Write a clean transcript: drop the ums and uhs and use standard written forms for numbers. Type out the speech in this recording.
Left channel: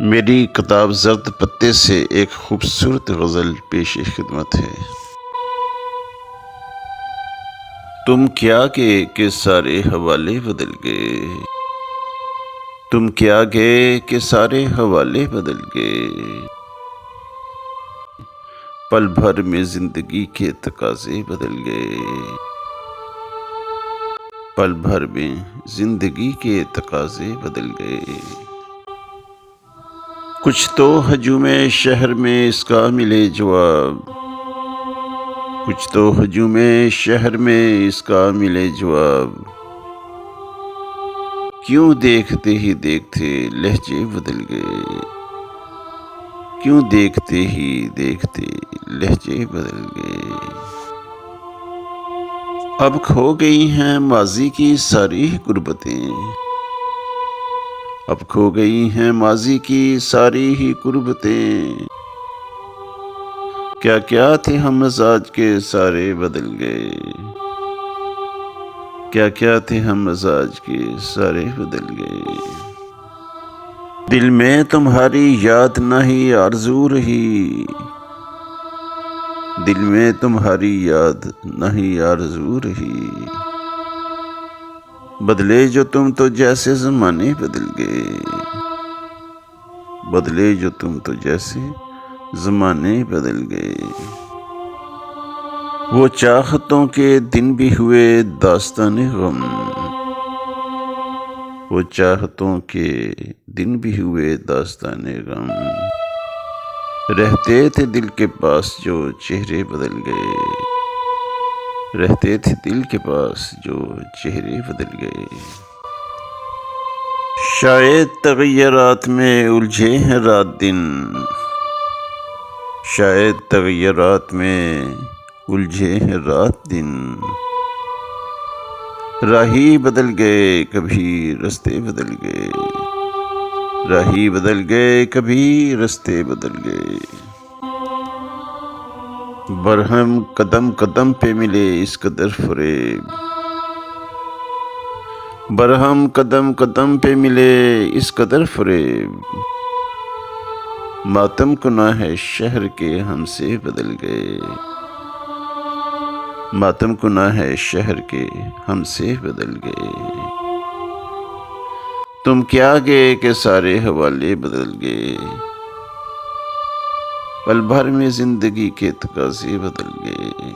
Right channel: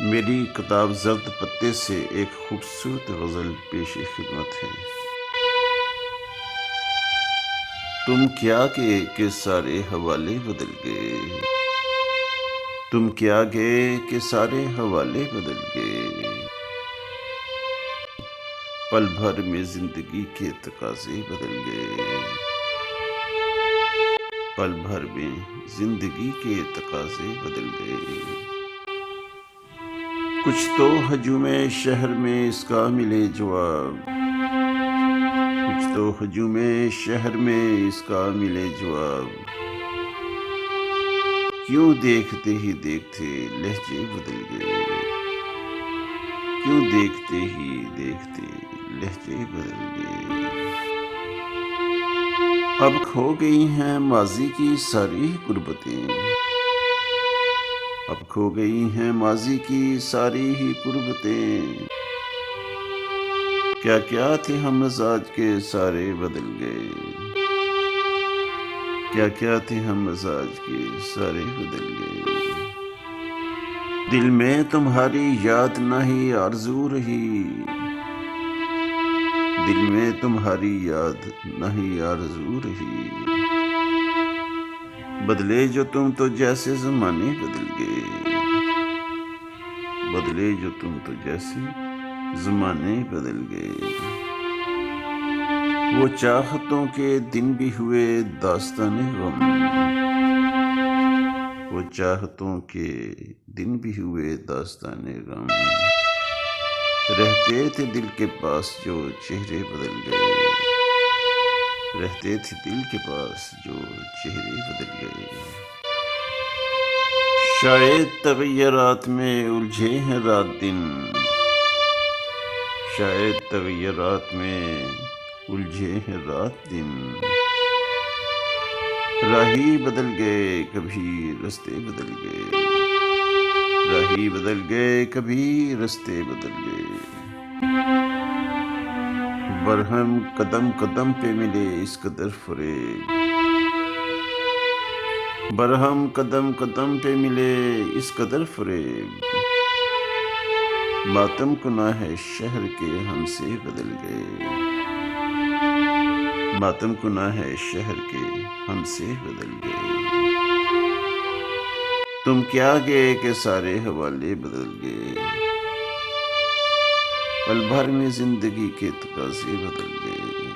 میری کتاب زرد پتے سے ایک خوبصورت غزل پیش خدمت ہے۔ تم کیا گئے کہ سارے حوالے بدل گئے، تم کیا گئے کہ سارے حوالے بدل گئے، پل بھر میں زندگی کے تقاضے بدل گئے، پل بھر میں زندگی کے تقاضے بدل گئے۔ کچھ تو ہجوم شہر میں اس کا ملے جواب، کچھ تو ہجوم شہر میں اس کا ملے جواب، کیوں دیکھتے ہی دیکھتے لہجے بدل گئے، کیوں دیکھتے ہی دیکھتے لہجے بدل گئے۔ اب کھو گئی ہیں ماضی کی ساری غربتیں، اب کھو گئی ہیں ماضی کی ساری ہی غربتیں، کیا کیا تھے ہم مزاج کے سارے بدل گئے، کیا کیا تھے ہم مزاج کے سارے بدل گئے۔ دل میں تمہاری یاد نہ ہی آرزو رہی، دل میں تمہاری یاد نہ ہی آرزو رہی، بدلے جو تم تو جیسے زمانے بدل گئے، بدلے جو تم تو جیسے زمانے بدل گئے۔ وہ چاہتوں کے دن بھی ہوئے داستان غم، وہ چاہتوں کے دن بھی ہوئے داستان غم، رہتے تھے دل کے پاس جو چہرے بدل گئے، رہتے تھے دل کے پاس جو چہرے بدل گئے۔ شاید تغیرات میں الجھے ہیں رات دن، شاید تغیرات میں الجھے ہیں رات دن، راہی بدل گئے کبھی رستے بدل گئے، راہی بدل گئے کبھی رستے بدل گئے، برہم قدم قدم پہ ملے اس قدر فریب، برہم قدم قدم پہ ملے اس قدر فریب، ماتم کناں ہے شہر کے ہم سے بدل گئے، ماتم کناں ہے شہر کے ہم سے بدل گئے۔ تم کیا گئے کہ سارے حوالے بدل گئے، پل بھر میں زندگی کے تقاضے بدل گئے۔